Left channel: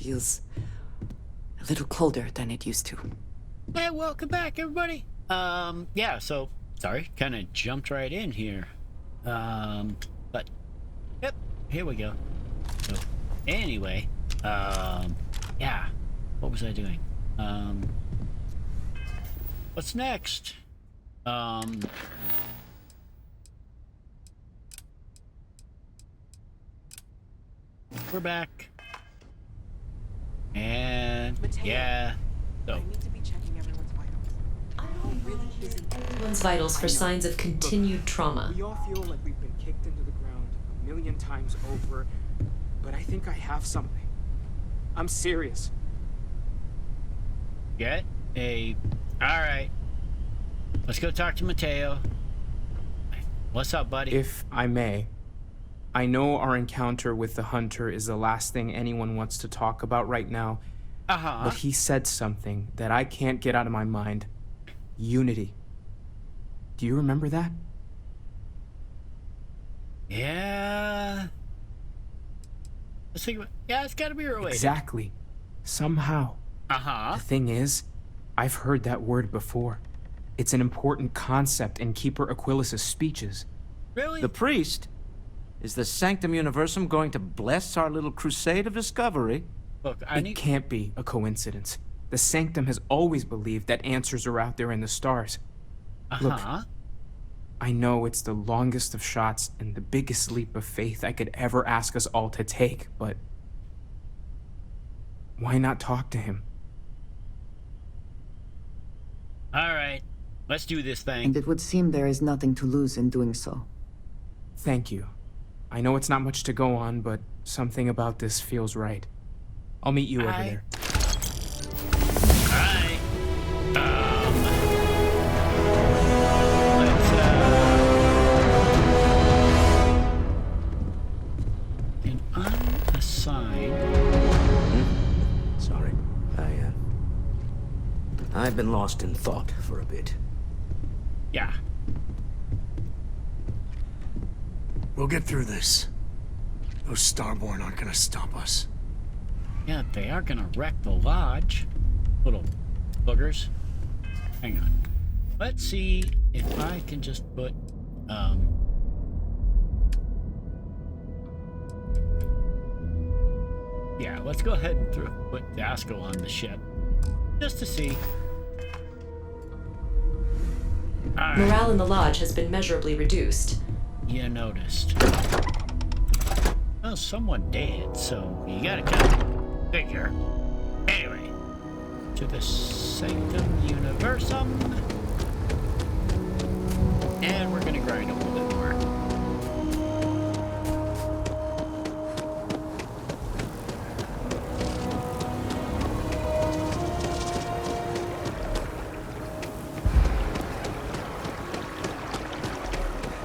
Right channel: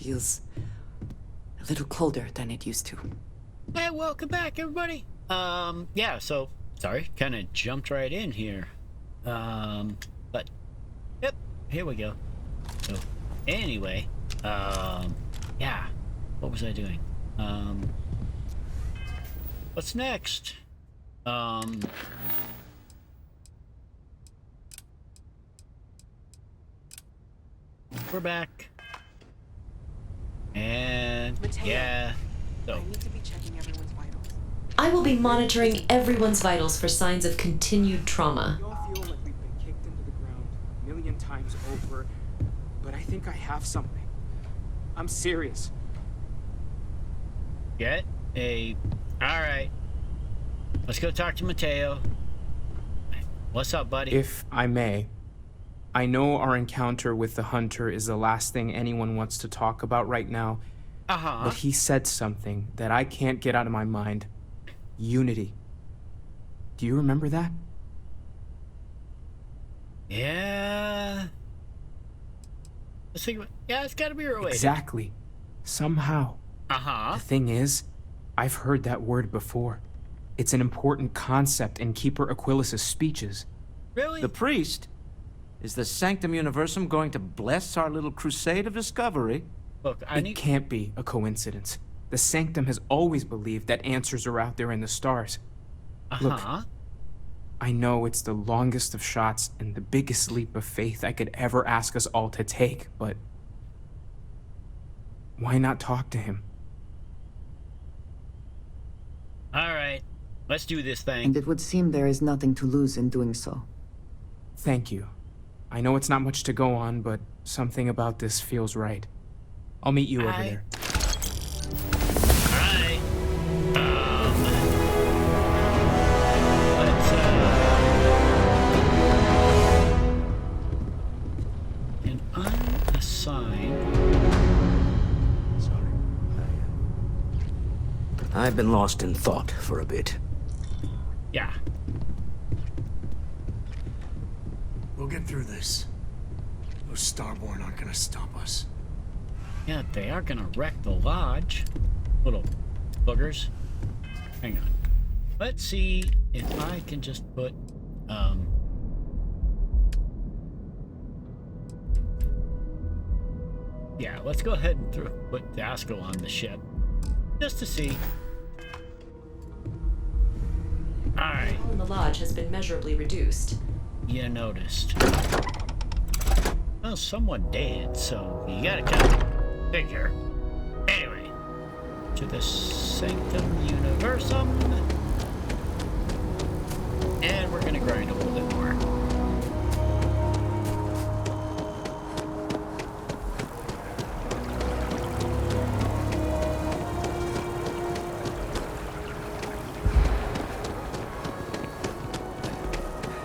feels a little colder than it used to. Hey, welcome back, everybody. Yeah, so, sorry, kind of jumped right in here. But, yep, here we go. So, anyway, yeah, what was I doing? What's next? We're back. And, Mateo, yeah, so. I need to be checking everyone's vitals. I will be monitoring everyone's vitals for signs of continued trauma. We all feel like we've been kicked into the ground a million times over, but I think I have something. I'm serious. Get a... Alright. Let's go talk to Mateo. What's up, buddy? If I may, I know our encounter with the hunter is the last thing anyone wants to talk about right now, but he said something that I can't get out of my mind. Unity. Do you remember that? Yeah. Let's think about... Yeah, it's gotta be related. Exactly. Somehow. The thing is, I've heard that word before. It's an important concept in Keeper Aquilas's speeches. Really? The priest? Is the Sanctum Universum going to bless our little crusade of discovery? Look, It can't be a coincidence. The Sanctum has always believed that answers are out there in the stars. Look, I know it's the longest of shots and the biggest leap of faith I could ever ask us all to take, but why not talk to him? Alright. Let's do this thing. And it would seem there is nothing to lose in doing so. Thank you. I know it's not much to go on, but something about this feels right. I'll meet you over there. Alright. Let's, an unassigned... Sorry. I've been lost in thought for a bit. Yeah. We'll get through this. Those Starborn aren't gonna stop us. Yeah, they are gonna wreck the lodge. Little boogers. Hang on. Let's see if I can just put, yeah, let's go ahead and put Dasco on the ship. Just to see. Alright. Morale in the lodge has been measurably reduced. You noticed. Well, someone dead, so you gotta kind of figure. Anyway, to the Sanctum Universum. And we're gonna grind a little bit more.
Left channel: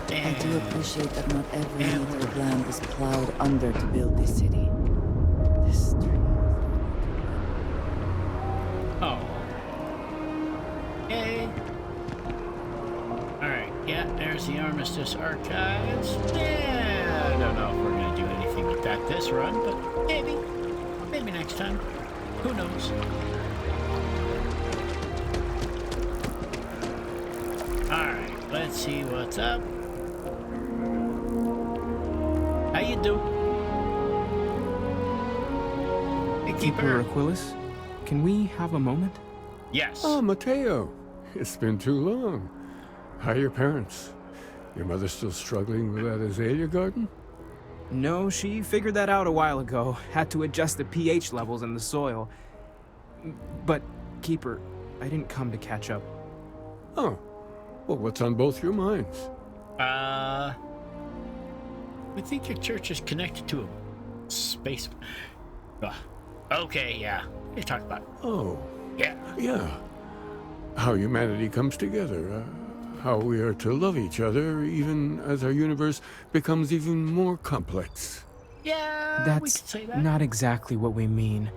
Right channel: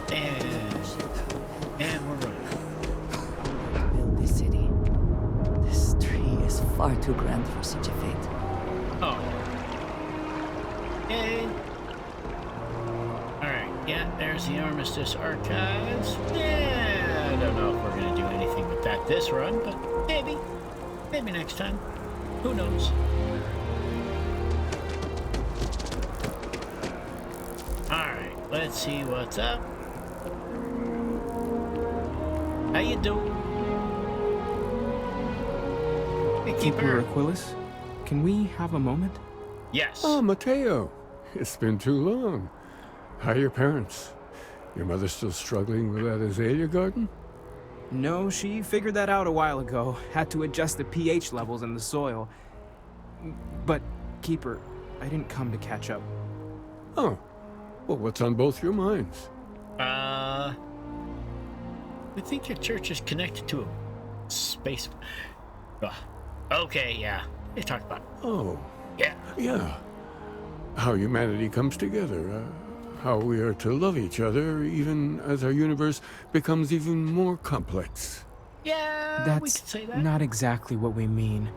I do appreciate that not every inch of land is plowed under to build this city. This tree is far too grand for such a fate. Oh. Yay. Alright, yeah, there's the Armistice Archives. Yeah, I don't know if we're going to do anything with that this run, but maybe. Maybe next time. Who knows? Alright, let's see what's up. How you do? Hey, Keeper Aquilas, can we have a moment? Yes. Oh, Mateo. It's been too long. How are your parents? Your mother still struggling with that azalea garden? No, she figured that out a while ago. Had to adjust the pH levels in the soil. But, Keeper, I didn't come to catch up. Oh. Well, what's on both your minds? We think your church is connected to a space... Okay, yeah. You talked about it. Oh. Yeah. Yeah. How humanity comes together. How we are to love each other even as our universe becomes even more complex. Yeah, we could That's say that. not exactly what we mean.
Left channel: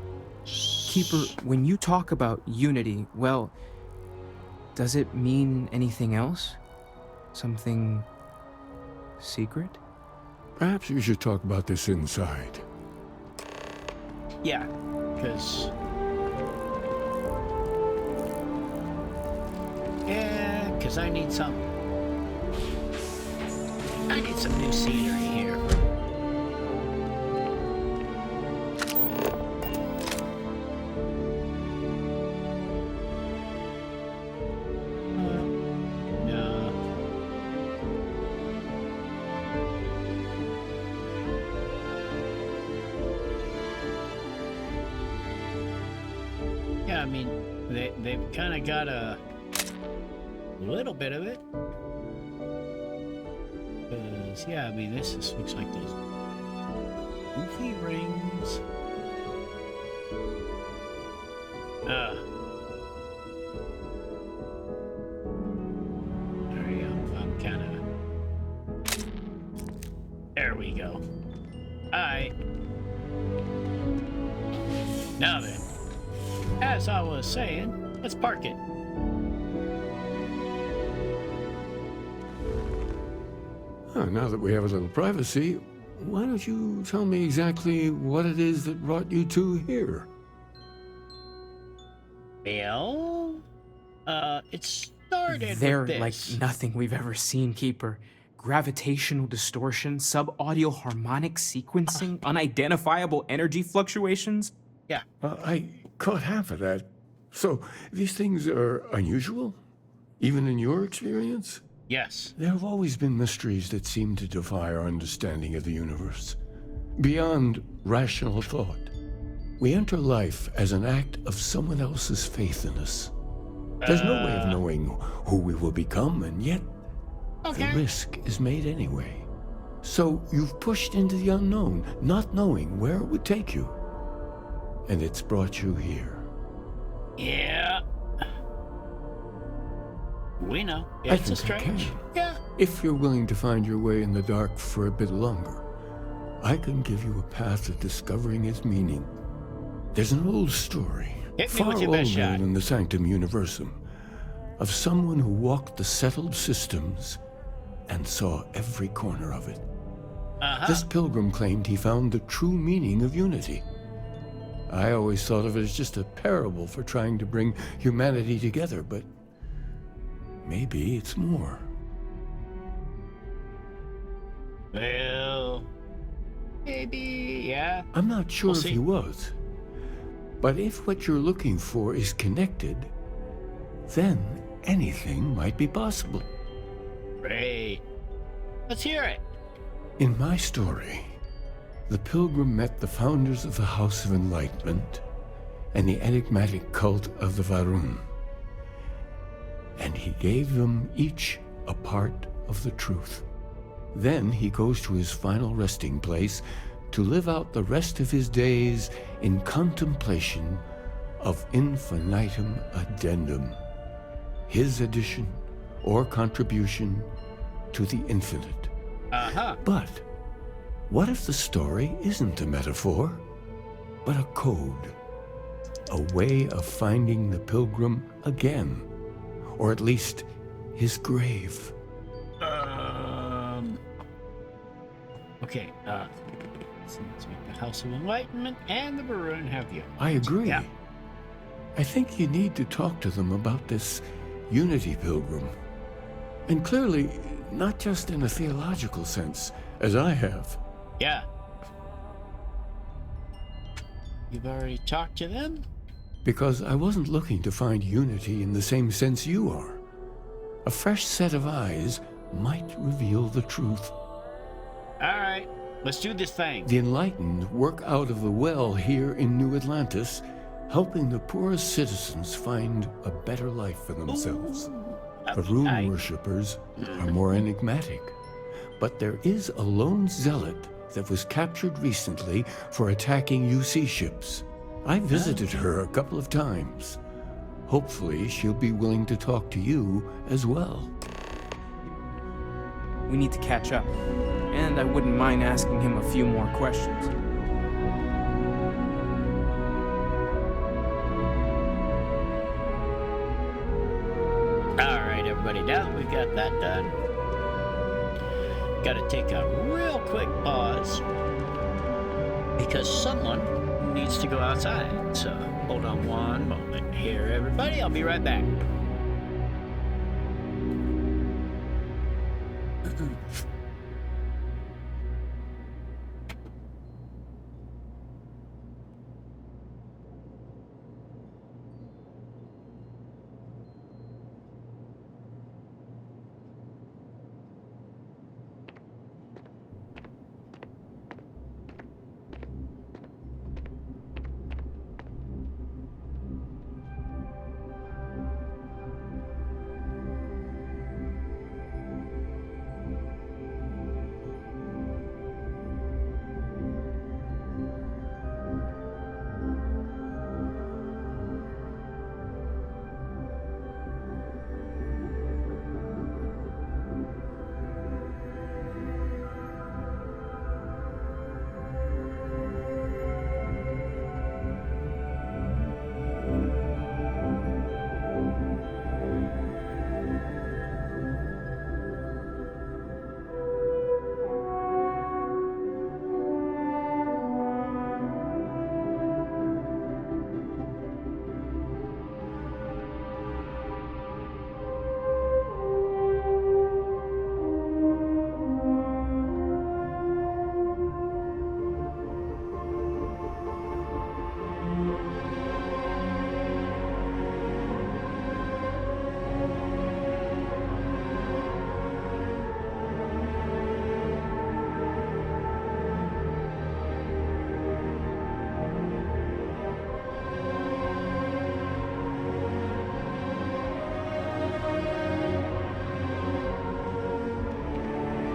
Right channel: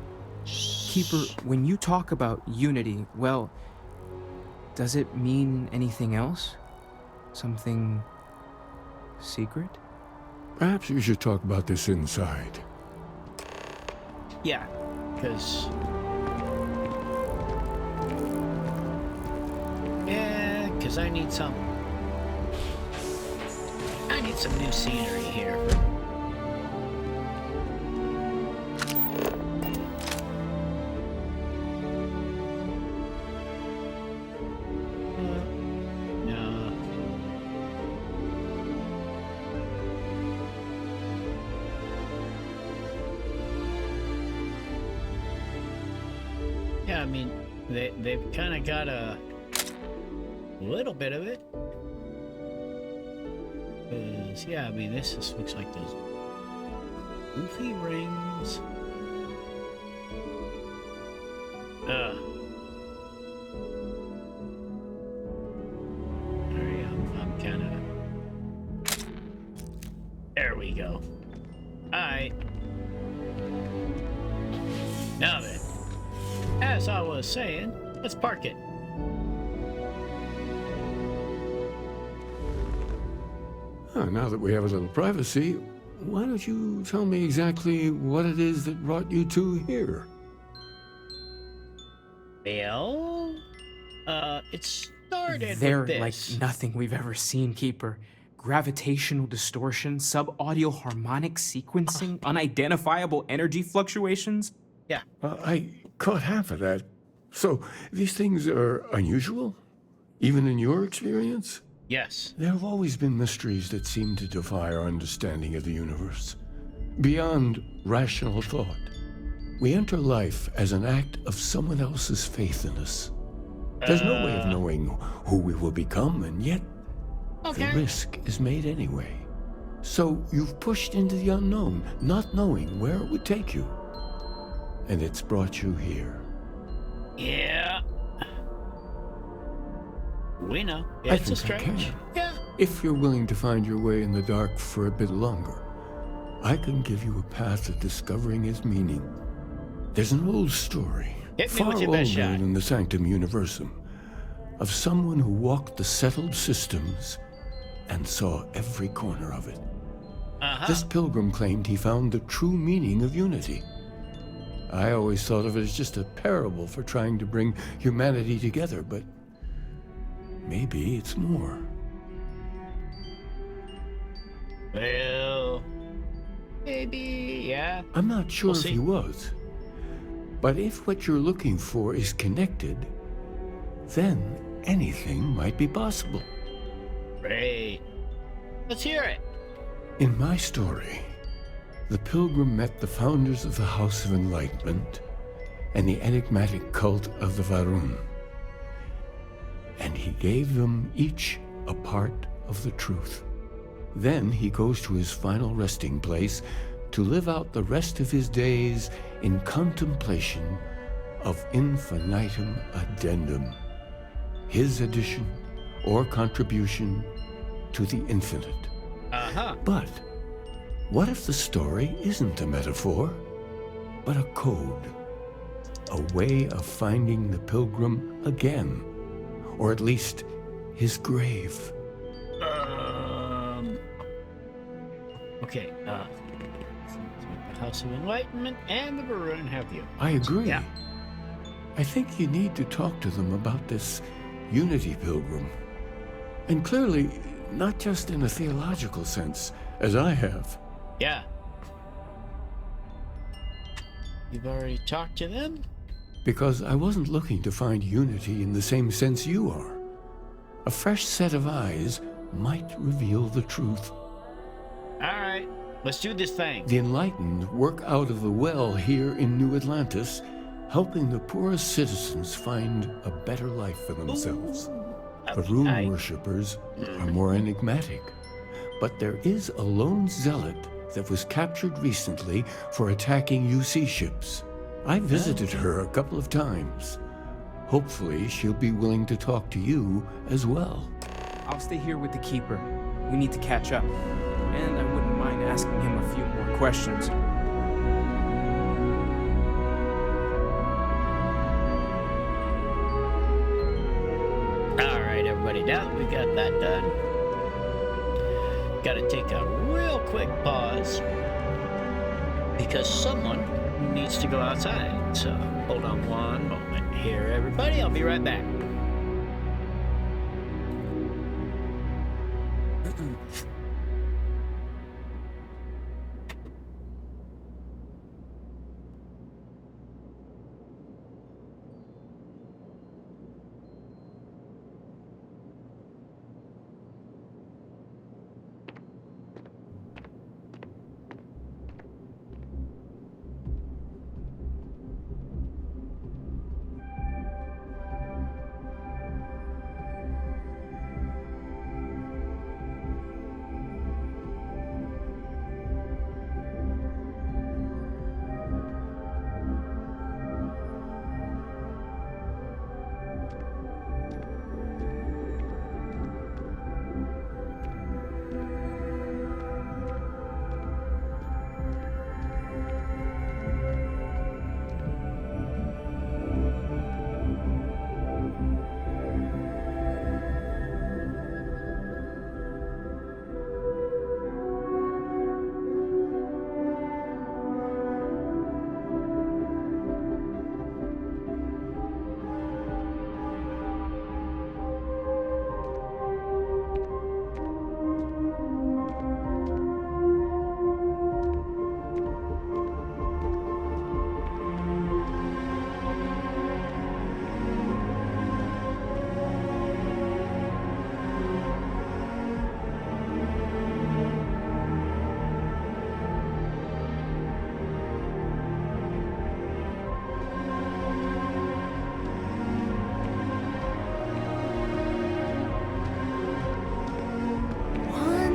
Keeper, when you talk about unity, well, does it mean anything else? Something secret? Perhaps you should talk about this inside. Yeah. because... Yeah, because I need some new scenery here. No. Yeah, I mean, they've kind of got a little bit of it. Because, yeah, I mean, this just looks like those goofy rings. Sorry, I'm kind of... There we go. Alright. Now then, as I was saying, let's park it. Now that we have a little privacy, why don't you tell me exactly what it is that brought you two here? Well, it started They're with like this. nothing we've ever seen, Keeper. Gravitational distortion, sub-audio harmonic sequencing, unidentifiable energy fluctuations. Yeah. I caught half of that. So, these things are unusual? Even in your experience? Yes. There have always been mysteries that seem to defy our understanding of the universe. Beyond rational thought. We enter life as an act of someone else's faith in us. There's no way of knowing who we will become, and yet the risk is made anyway. So you've pushed into the unknown, not knowing where it would take you. And it's brought you here. Yeah. We know. I It's a think I strange. can. Yeah. If you're willing to find your way in the dark for a bit longer, I can give you a path of discovering its meaning. There's an old story, Hit me far with your older best shot. than the Sanctum Universum, of someone who walked the settled systems and saw every corner of it. This pilgrim claimed he found the true meaning of unity. I always thought of it as just a parable for trying to bring humanity together, but maybe it's more. Well, maybe, yeah. I'm not sure We'll if see. he was. But if what you're looking for is connected, then anything might be possible. Great. Let's hear it. In my story, the pilgrim met the founders of the House of Enlightenment and the enigmatic cult of the Varun. And he gave them each a part of the truth. Then he goes to his final resting place to live out the rest of his days in contemplation of infinitum addendum, his addition or contribution to the infinite. But what if the story isn't a metaphor, but a code? A way of finding the pilgrim again, or at least his grave. Okay, seems like the House of Enlightenment and the Varun have you. I agree. Yeah. I think you need to talk to them about this unity pilgrim. And clearly, not just in a theological sense, as I have. Yeah. You've already talked to them? Because I wasn't looking to find unity in the same sense you are. A fresh set of eyes might reveal the truth. Alright, let's do this thing. The enlightened work out of the well here in New Atlantis, helping the poorest citizens find a better life for themselves. The rune worshippers are more enigmatic, but there is a lone zealot that was captured recently for attacking UC ships. I visited her a couple of times. Hopefully she'll be willing to talk to you as well. I'll stay here with the Keeper. We need to catch up. And I wouldn't mind asking him a few more questions. Alright, everybody, now that we've got that done, gotta take a real quick pause because someone needs to go outside. So hold on one moment here, everybody. I'll be right back.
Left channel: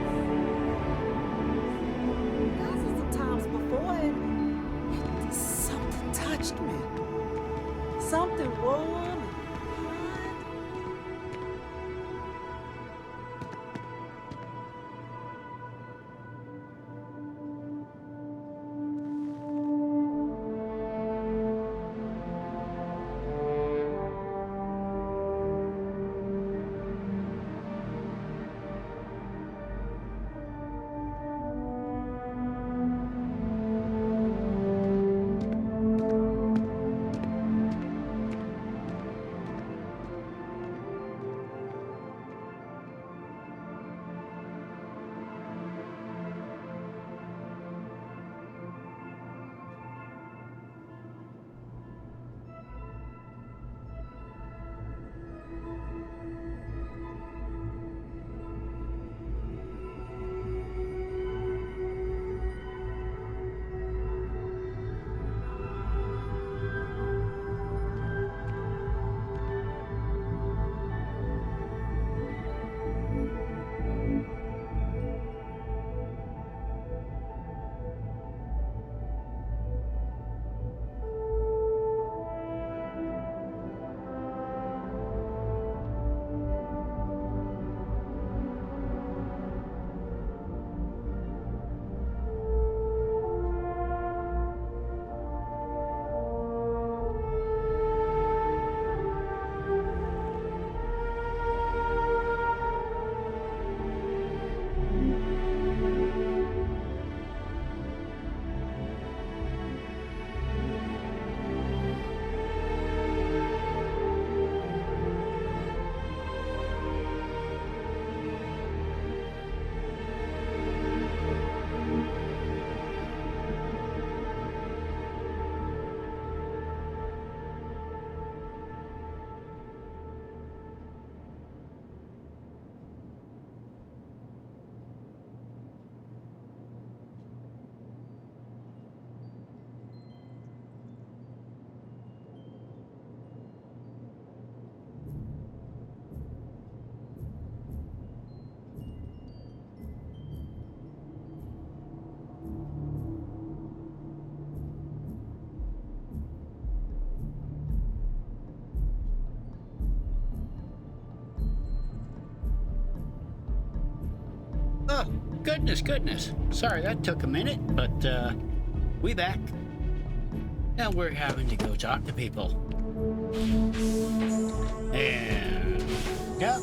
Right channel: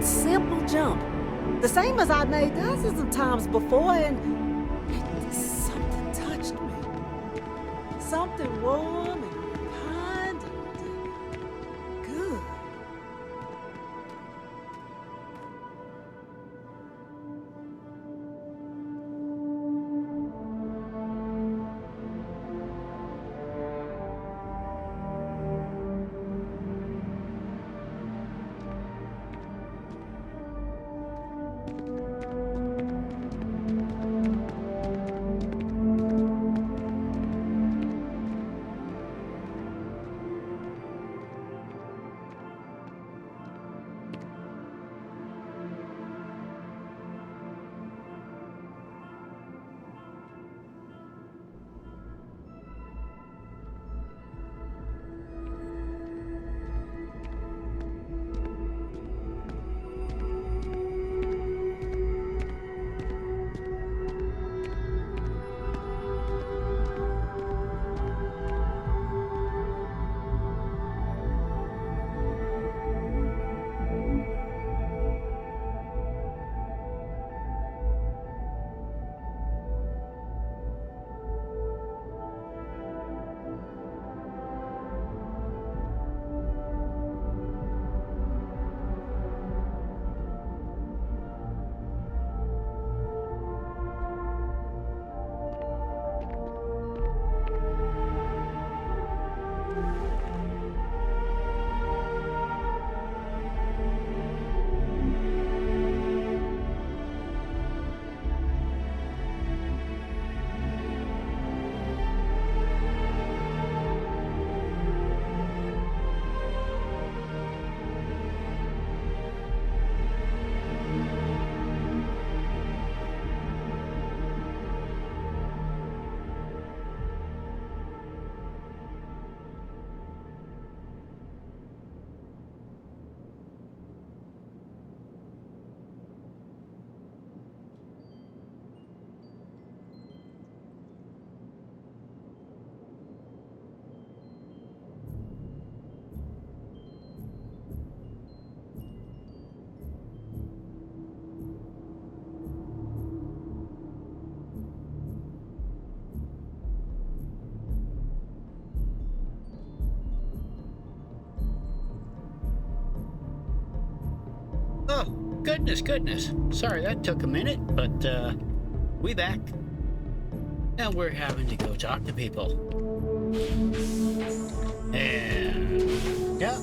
Simple jump. The same as I made dozens of times before, and something touched me. Something warm and kind and good. Oh, goodness. Sorry that took a minute, but we back. Now we're having to go talk to people. And yeah.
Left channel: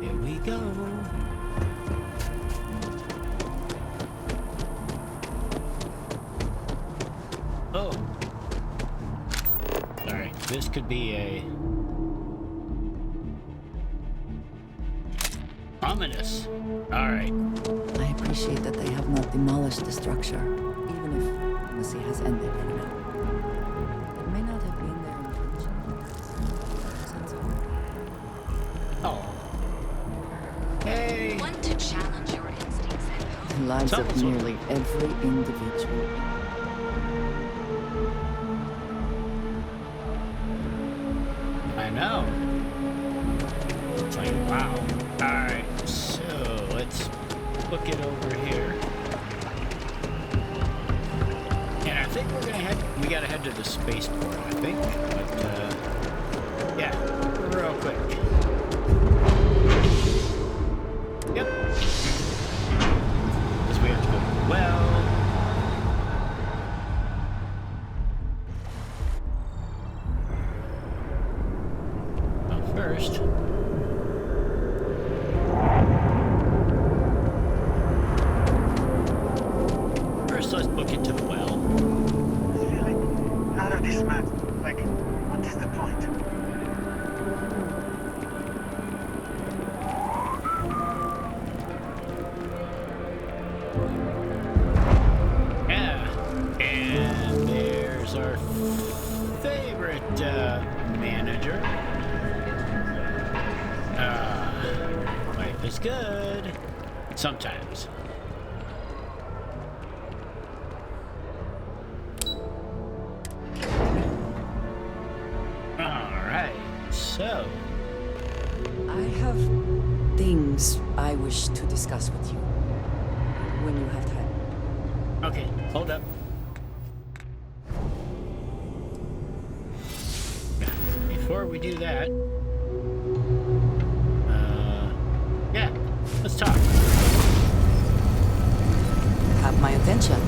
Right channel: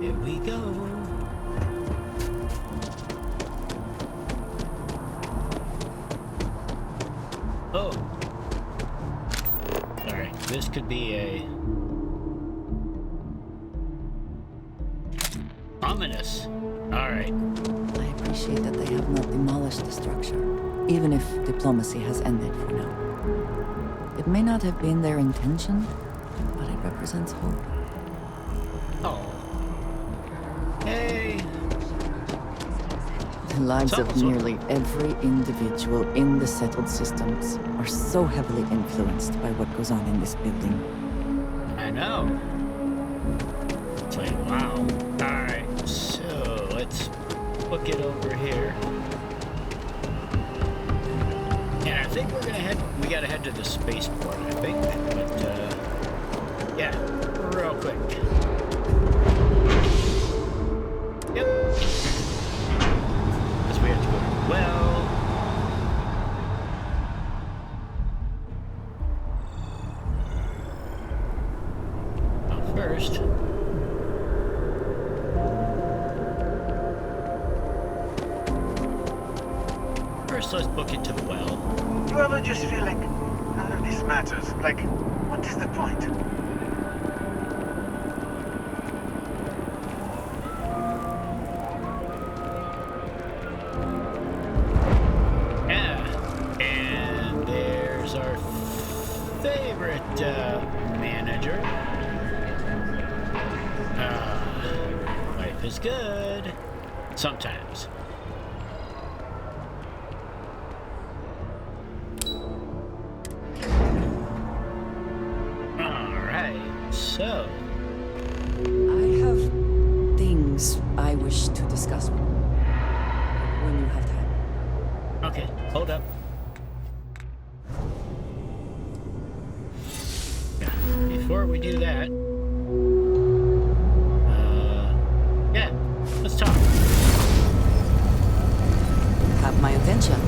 Here we go. Oh. Sorry, this could be a... ominous. Alright. I appreciate that they have not demolished the structure, even if diplomacy has ended for now. It may not have been their intention, but it represents hope. Oh. Hey! The lives of nearly every individual in the settled systems are so heavily influenced by what goes on in this building. I know. It's like, wow. Alright, so let's book it over here. And I think we gotta head to the spaceport, I think. But, yeah, real quick. Yep. Because we have to go to the well. First. First, let's book it to the well. Well, I just feel like none of this matters. Like, what is the point? Yeah, and there's our favorite manager. Life is good. Sometimes. Alright, so. I have things I wish to discuss with you when you have time. Okay, hold up. Yeah, before we do that, yeah, let's talk. Have my attention.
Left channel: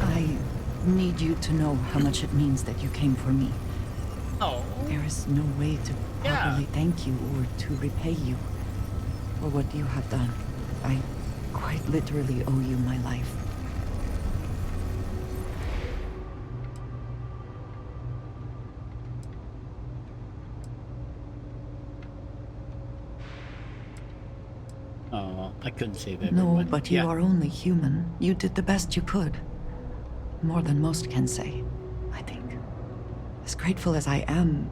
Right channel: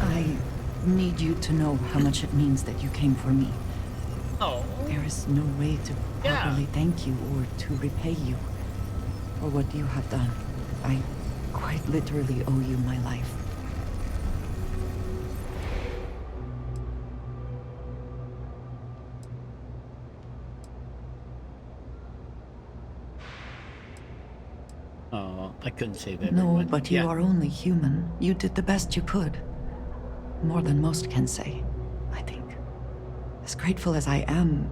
I need you to know how much it means that you came for me. Oh. There is no way to properly thank you or to repay you for what you have done. I quite literally owe you my life. Oh, I couldn't save everyone. No, but you are only human. You did the best you could. More than most can say, I think. As grateful as I am,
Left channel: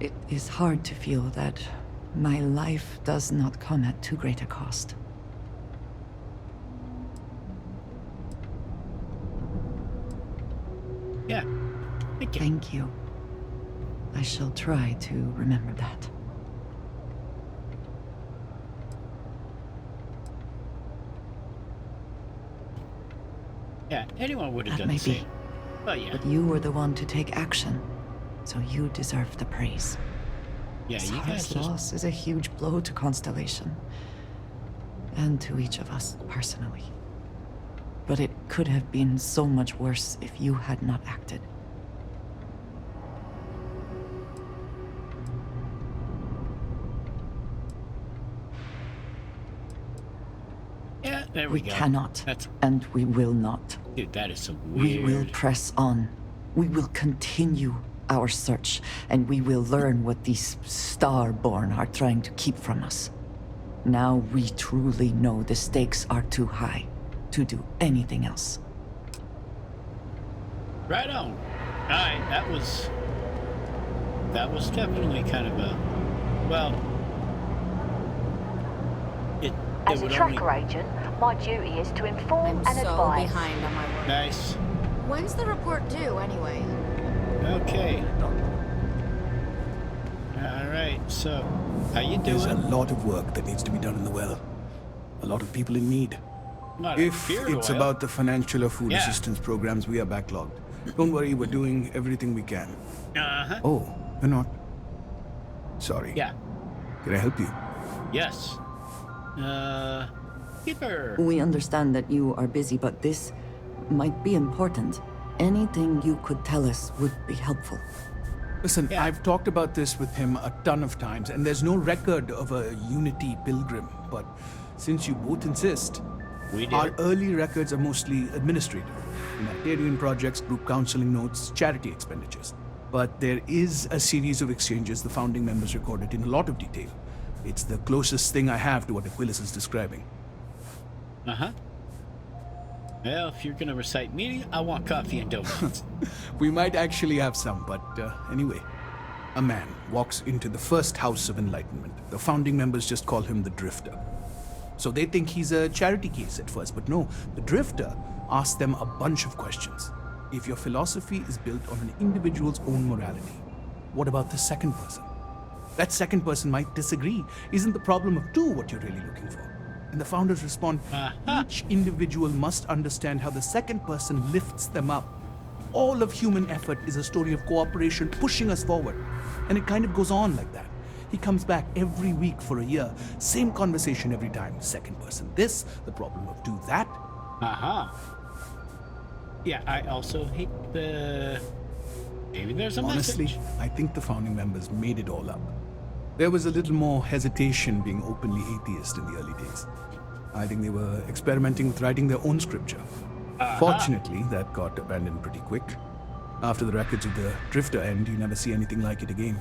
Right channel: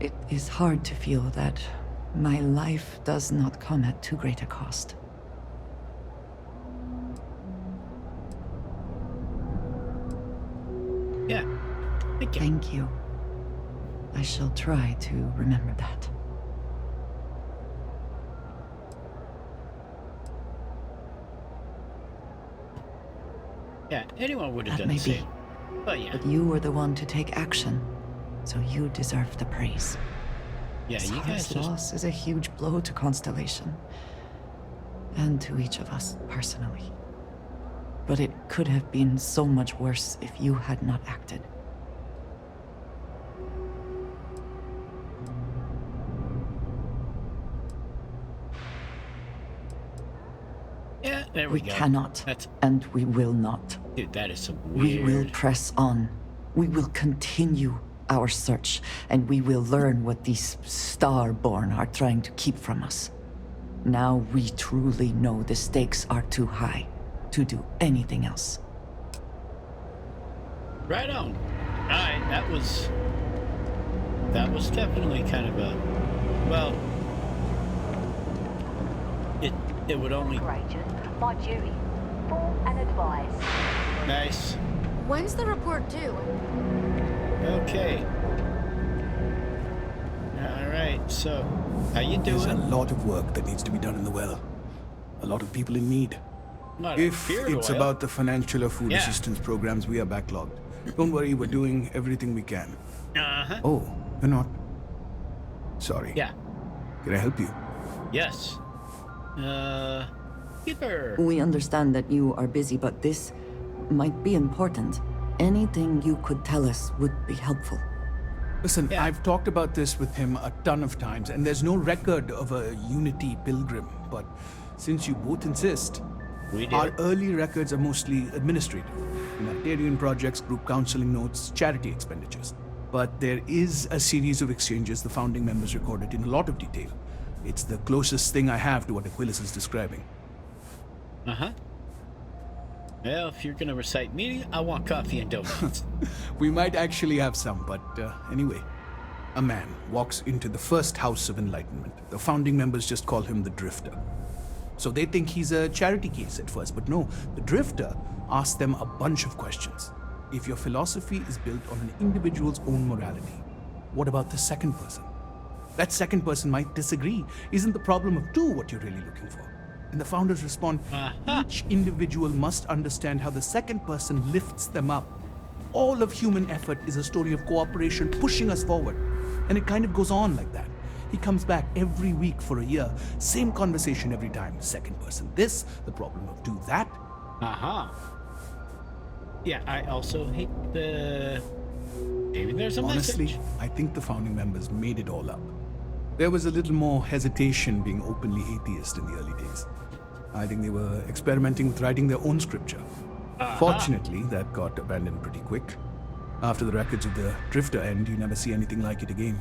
it is hard to feel that my life does not come at too great a cost. Yeah. Thank you. Thank you. I shall try to remember that. Yeah, anyone would have That done may the be. same. But yeah. But you were the one to take action, so you deserve the praise. Yeah, you guys Sarah's just... loss is a huge blow to Constellation. And to each of us, personally. But it could have been so much worse if you had not acted. Yeah, there we go. We cannot, That's... and we will not. Dude, that is some We weird... will press on. We will continue our search, and we will learn what these Starborn are trying to keep from us. Now we truly know the stakes are too high to do anything else. Right on. Alright, that was definitely kind of a... Well... As a tracker agent, my duty is to inform and advise. Nice. When's the report due, anyway? Okay. Alright, so, how you doing? There's a lot of work that needs to be done in the well. A lot of people in need. If it's about the financial or food assistance programs, we are backlogged. Don't worry, we're doing everything we can. Uh-huh. Oh, you're not? Sorry. Yeah. Can I help you? Yes. Keeper. We understand that you are busy, but this might be important. Anything you could tell us would be helpful. Listen, I've talked about this with him a ton of times, and there's no record of a Unity pilgrim, but since you both insist, We do. Our early records are mostly administrative. Humanitarian projects, group counseling notes, charity expenditures. But there is a series of exchanges the founding members recorded in a lot of detail. It's the closest thing I have to what Aquilus is describing. Uh-huh. Well, if you're gonna recite me, I want coffee and donuts. We might actually have some, but anyway. A man walks into the first House of Enlightenment. The founding members just call him the Drifter. So they think he's a charity case at first, but no, the Drifter asks them a bunch of questions. If your philosophy is built on an individual's own morality, what about the second person? That second person might disagree. Isn't the problem of two what you're really looking for? And the founders respond, each individual must understand how the second person lifts them up. All of human effort is a story of cooperation pushing us forward. And it kind of goes on like that. He comes back every week for a year. Same conversation every time. Second person this, the problem of do that. Yeah, I also hate the... Maybe there's a Honestly, message. I think the founding members made it all up. There was a little more hesitation being openly atheist in the early days. I think they were experimenting with writing their own scripture. Fortunately, that got abandoned pretty quick. After the records of the Drifter end, you never see anything like it again.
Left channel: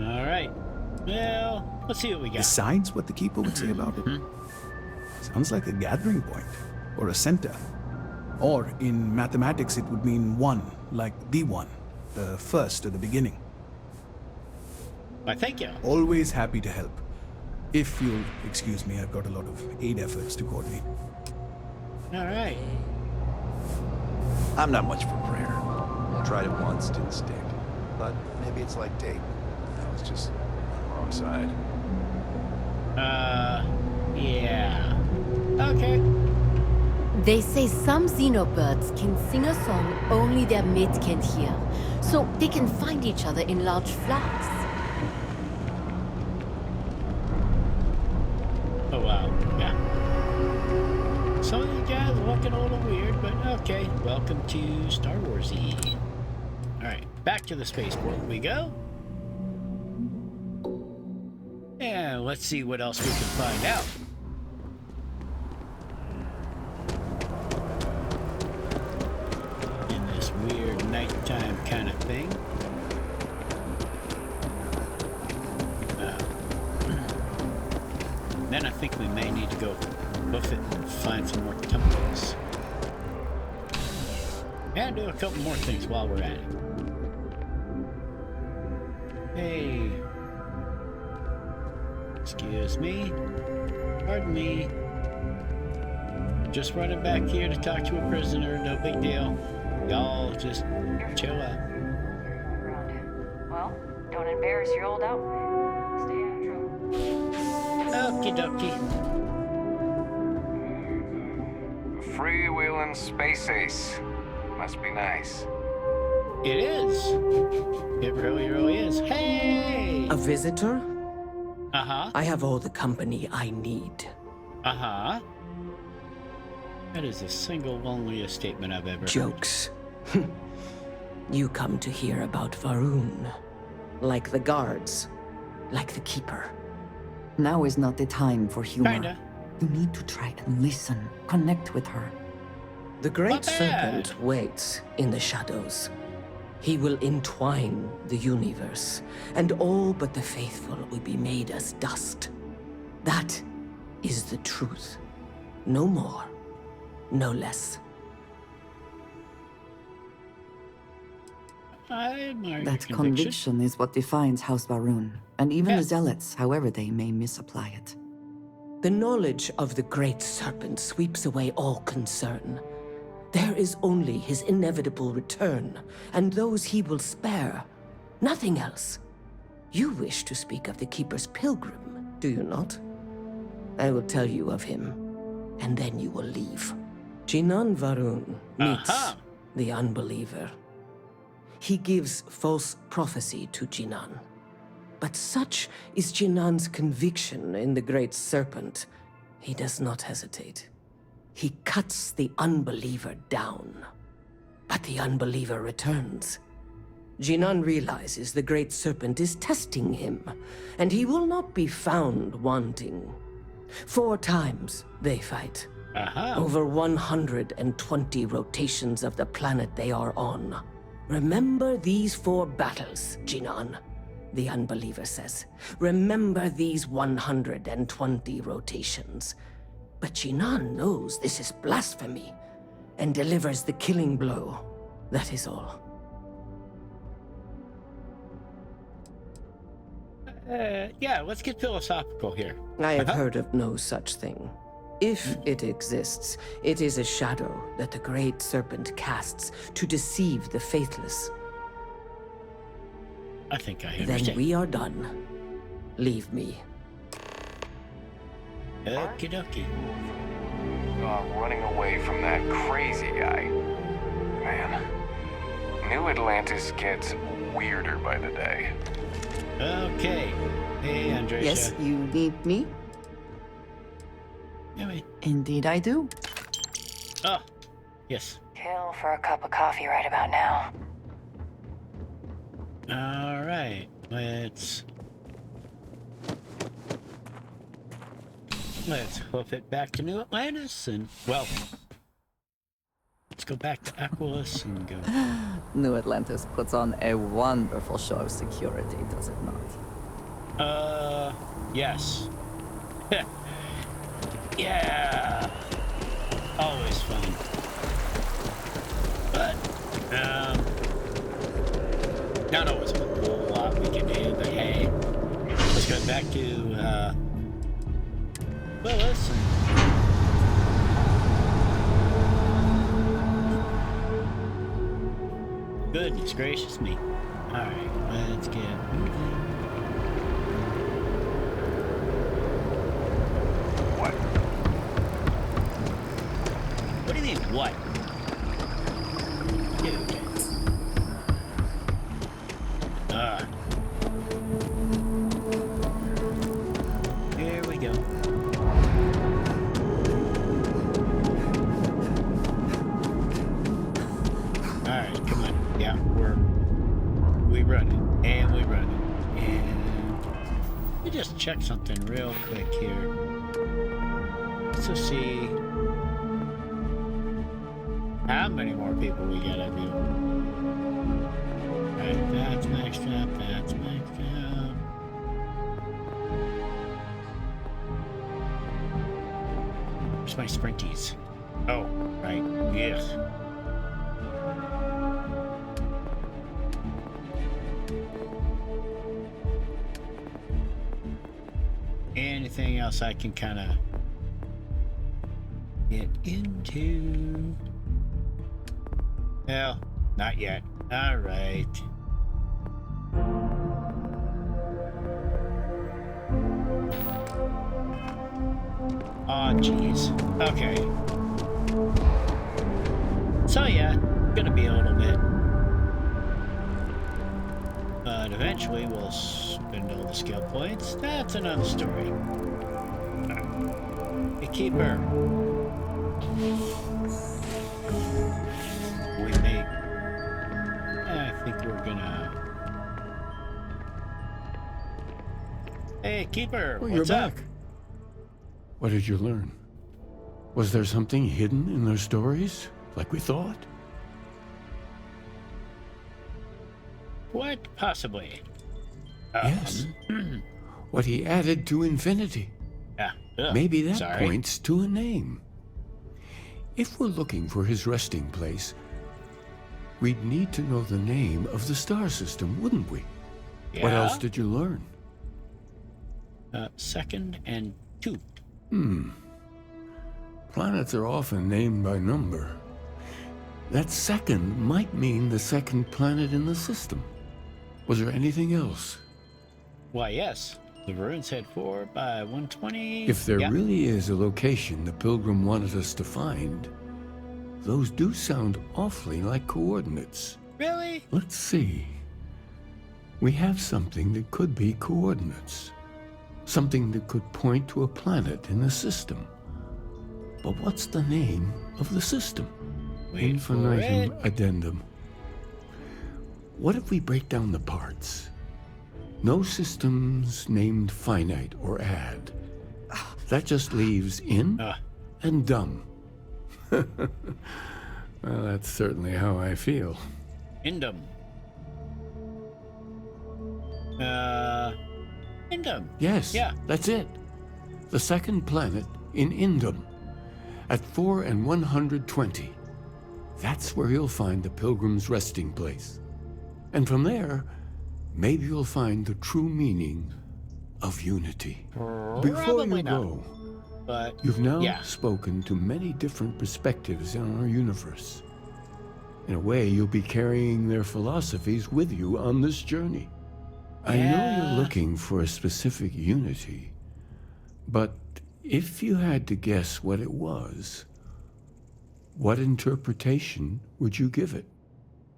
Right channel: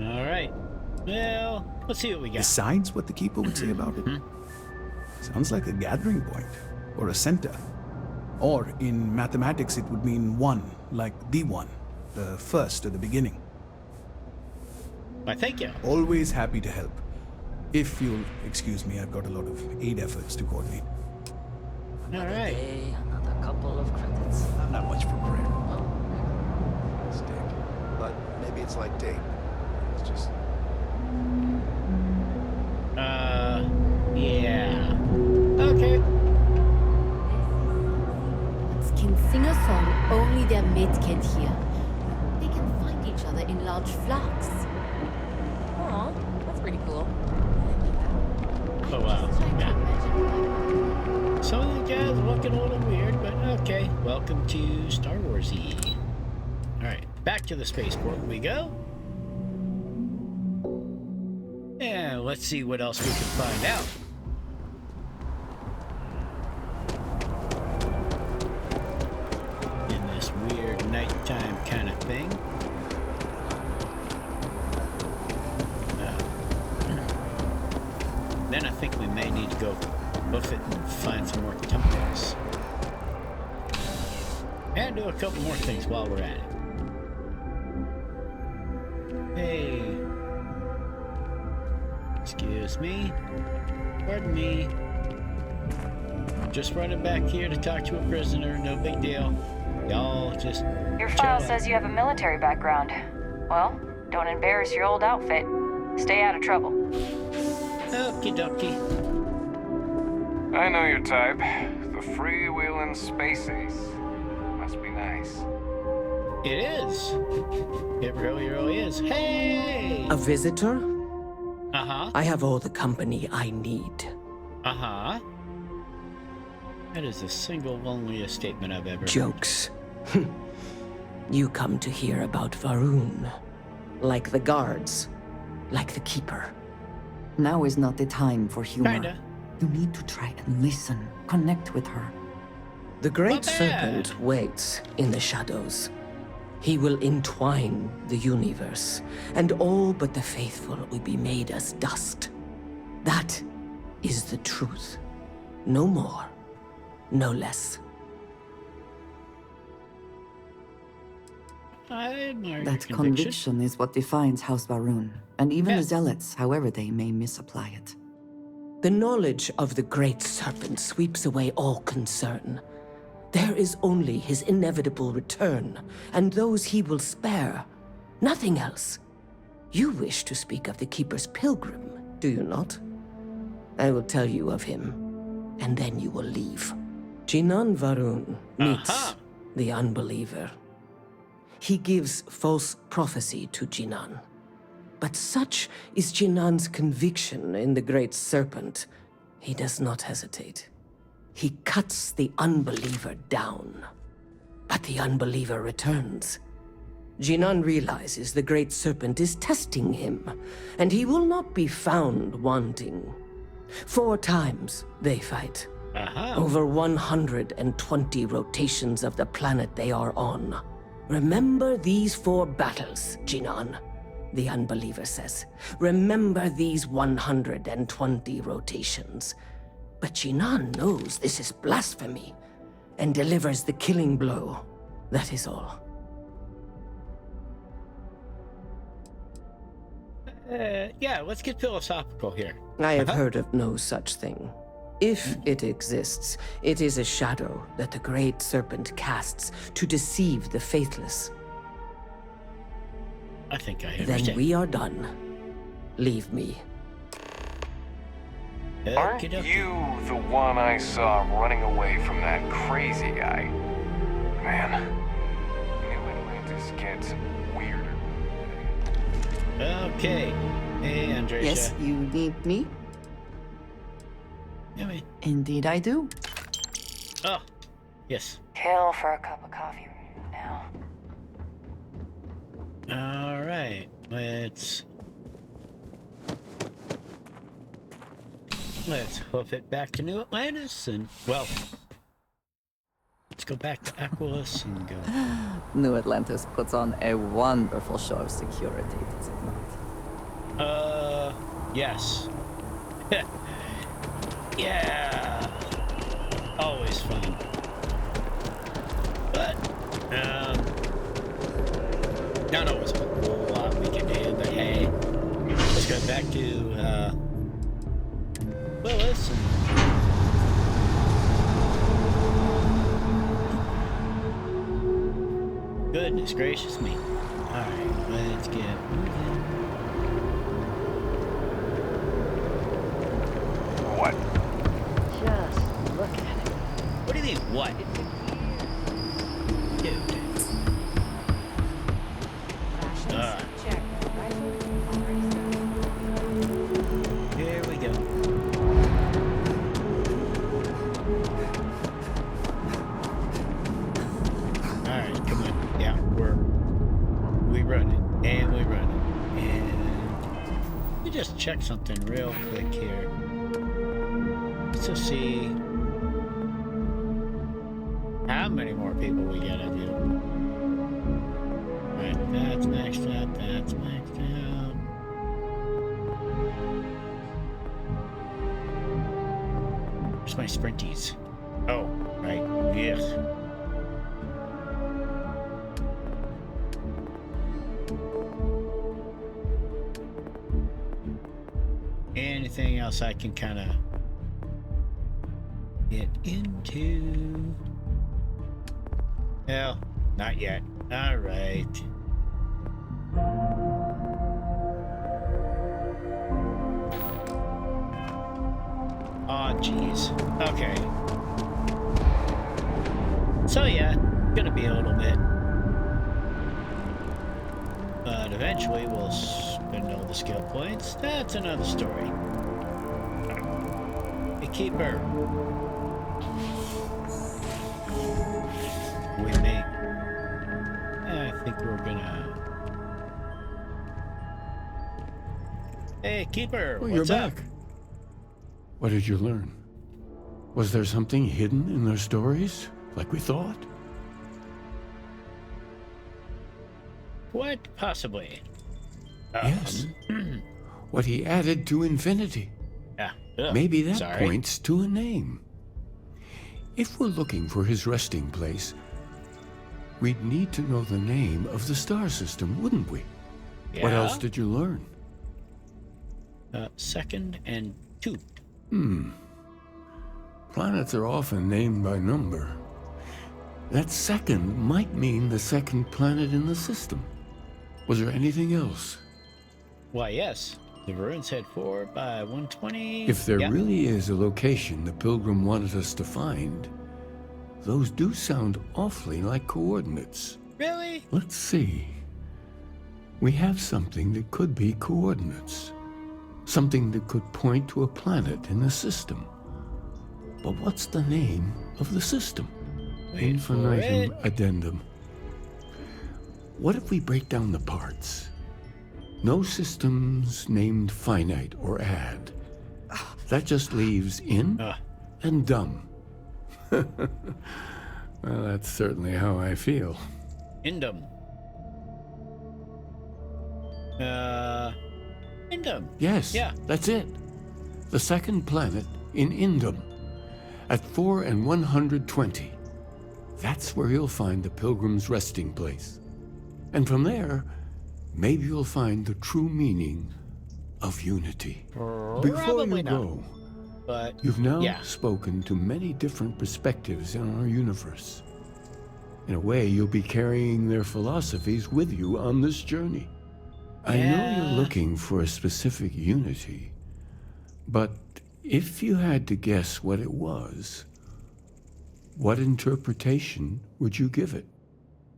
All right. Well, let's see what we got. Besides what the Keeper would say about it. Sounds like a gathering point, or a center. Or, in mathematics, it would mean one, like the one, the first or the beginning. Why, thank you. Always happy to help. If you'll excuse me, I've got a lot of aid efforts to coordinate. All right. I'm not much for prayer. I tried it once, didn't stick. But maybe it's like Dave. That was just on the wrong side. Yeah. Okay. They say some xenobirds can sing a song only their mate can hear, so they can find each other in large flocks. Aw, that's pretty cool. Oh, wow. Yeah. Some of these guys are looking a little weird, but okay. Welcome to Star Wars-y. Alright, back to the spaceport we go. And let's see what else we can find out. In this weird nighttime kind of thing. Then I think we may need to go buff it and find some more temples. And do a couple more things while we're at it. Hey. Excuse me. Pardon me. Just running back here to talk to a prisoner, no big deal. Y'all just Your chill file out. says you have a military background. Well, don't embarrass your old outfit. Stay out of trouble. Okie dokie. I know your type. The freewheeling space ace. Must be nice. It is. It really, really is. Hey! A visitor? Uh-huh. I have all the company I need. Uh-huh. That is the single loneliest statement I've ever heard. Jokes. You come to hear about Varun. Like the guards. Like the Keeper. Now is not the time for humor. Kinda. You need to try and listen. Connect with her. The Great Not bad. Serpent waits in the shadows. He will entwine the universe, and all but the faithful will be made as dust. That is the truth. No more, no less. I admire That your conviction. conviction is what defines House Varun, and even the Yes. zealots, however they may misapply it. The knowledge of the Great Serpent sweeps away all concern. There is only his inevitable return, and those he will spare. Nothing else. You wish to speak of the Keeper's pilgrim, do you not? I will tell you of him, and then you will leave. Jinan Varun meets the unbeliever. He gives false prophecy to Jinan. But such is Jinan's conviction in the Great Serpent, he does not hesitate. He cuts the unbeliever down. But the unbeliever returns. Jinan realizes the Great Serpent is testing him, and he will not be found wanting. 4 times they fight. Over 120 rotations of the planet they are on. Remember these 4 battles, Jinan, the unbeliever says. Remember these 120 rotations. But Jinan knows this is blasphemy and delivers the killing blow. That is all. Yeah, let's get philosophical here. I have heard of no such thing. If it exists, it is a shadow that the Great Serpent casts to deceive the faithless. I think I Then understand. we are done. Leave me. Aren't you the one I saw running away from that crazy guy? Man, New Atlantis gets weirder by the day. Okay. Hey, Andrea. Yes, you need me? Indeed I do. Oh, yes. Kill for a cup of coffee right about now. All right. Let's hoof it back to New Atlantis and, well, let's go back to Aquilus and go. New Atlantis puts on a wonderful show of security, does it not? Yes. Yeah. Always fun. But, not always a whole lot we can do, but hey, let's go back to, Willis and... Goodness gracious me. Alright, let's get moving. What? What do you mean, what? Dude. Here we go. Alright, come on. Yeah, we run it. And we run it. And let me just check something real quick here. So see how many more people we gotta do. Alright, that's maxed out, that's maxed out. Where's my sprinties? Oh, right, yes. Anything else I can kind of get into? Well, not yet. All right. Oh, jeez. Okay. So yeah, gonna be a little bit. But eventually we'll spend all the skill points. That's another story. A keeper. We make... I think we're gonna... Hey, keeper, Oh, what's you're up? back. What did you learn? Was there something hidden in their stories, like we thought? What? Possibly. Yes. What he added to infinity. Yeah. Ugh, Maybe that sorry. points to a name. If we're looking for his resting place, we'd need to know the name of the star system, wouldn't we? What Yeah. else did you learn? 2nd and 2. Planets are often named by number. That second might mean the second planet in the system. Was there anything else? Why, yes. The ruins had 4 by 120. If there Yeah. really is a location the Pilgrim wanted us to find, those do sound awfully like coordinates. Really? Let's see. We have something that could be coordinates. Something that could point to a planet in the system. But what's the name of the system? Wait for Infinitum it. addendum. What if we break down the parts? No systems named finite or add. That just leaves in and dumb. Well, that's certainly how I feel. Indum. Indum. Yes, Yeah. that's it. The second planet in Indum. At 4 and 120. That's where you'll find the Pilgrim's resting place. And from there, maybe you'll find the true meaning of unity. Before you go, but you've now spoken to many different perspectives in our universe. In a way, you'll be carrying their philosophies with you on this journey. I know you're looking for a specific unity, but if you had to guess what it was, what interpretation would you give it?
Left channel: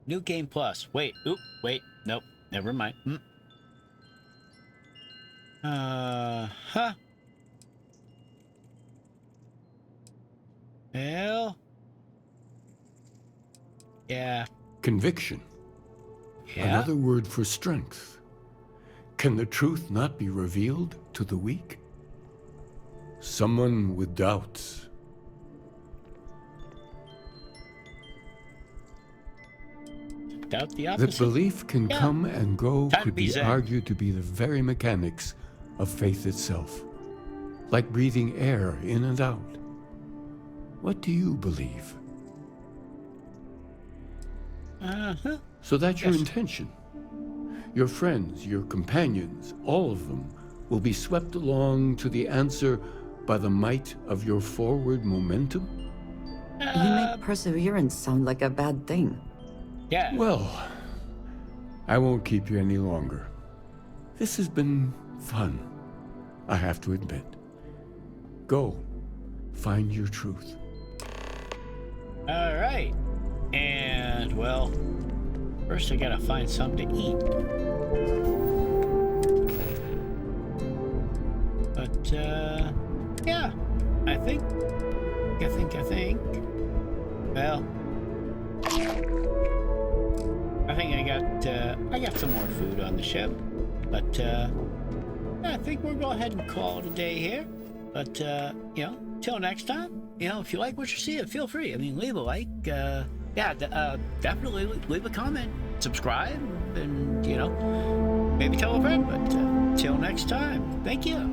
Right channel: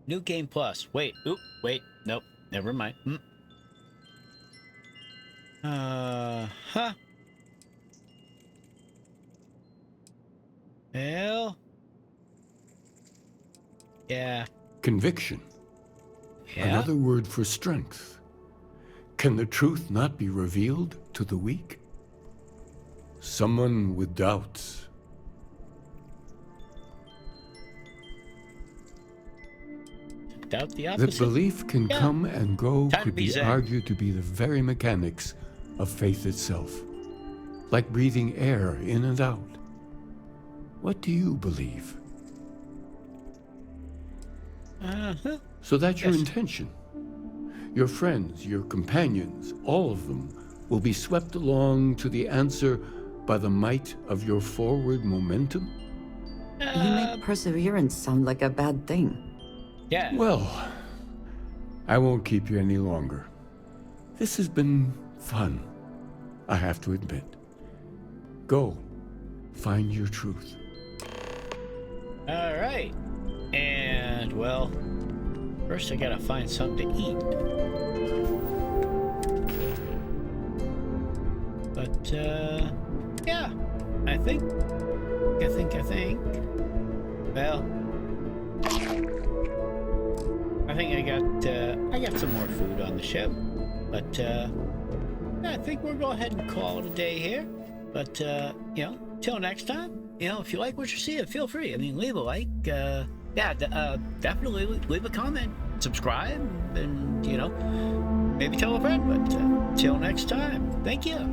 New Game Plus. Wait. Oop. Wait. Nope. Never mind. Hell. Yeah. Conviction. Yeah. Another word for strength. Can the truth not be revealed to the weak? Someone with doubts. Doubt the opposite. That belief can come and go could be zen. argued to be the very mechanics of faith itself. Like breathing air in and out. What do you believe? So that's your intention. Your friends, your companions, all of them will be swept along to the answer by the might of your forward momentum? You make perseverance sound like a bad thing. Yeah. Well, I won't keep you any longer. This has been fun, I have to admit. Go, find your truth. All right. And, well, first I gotta find something to eat. But, yeah, I think, well, I think I got some more food on the ship, but, I think we'll go ahead and call it a day here. But, you know, till next time, you know, if you like what you see, feel free. I mean, leave a like, definitely leave a comment, subscribe, and, you know, maybe tell a friend. But till next time, thank you.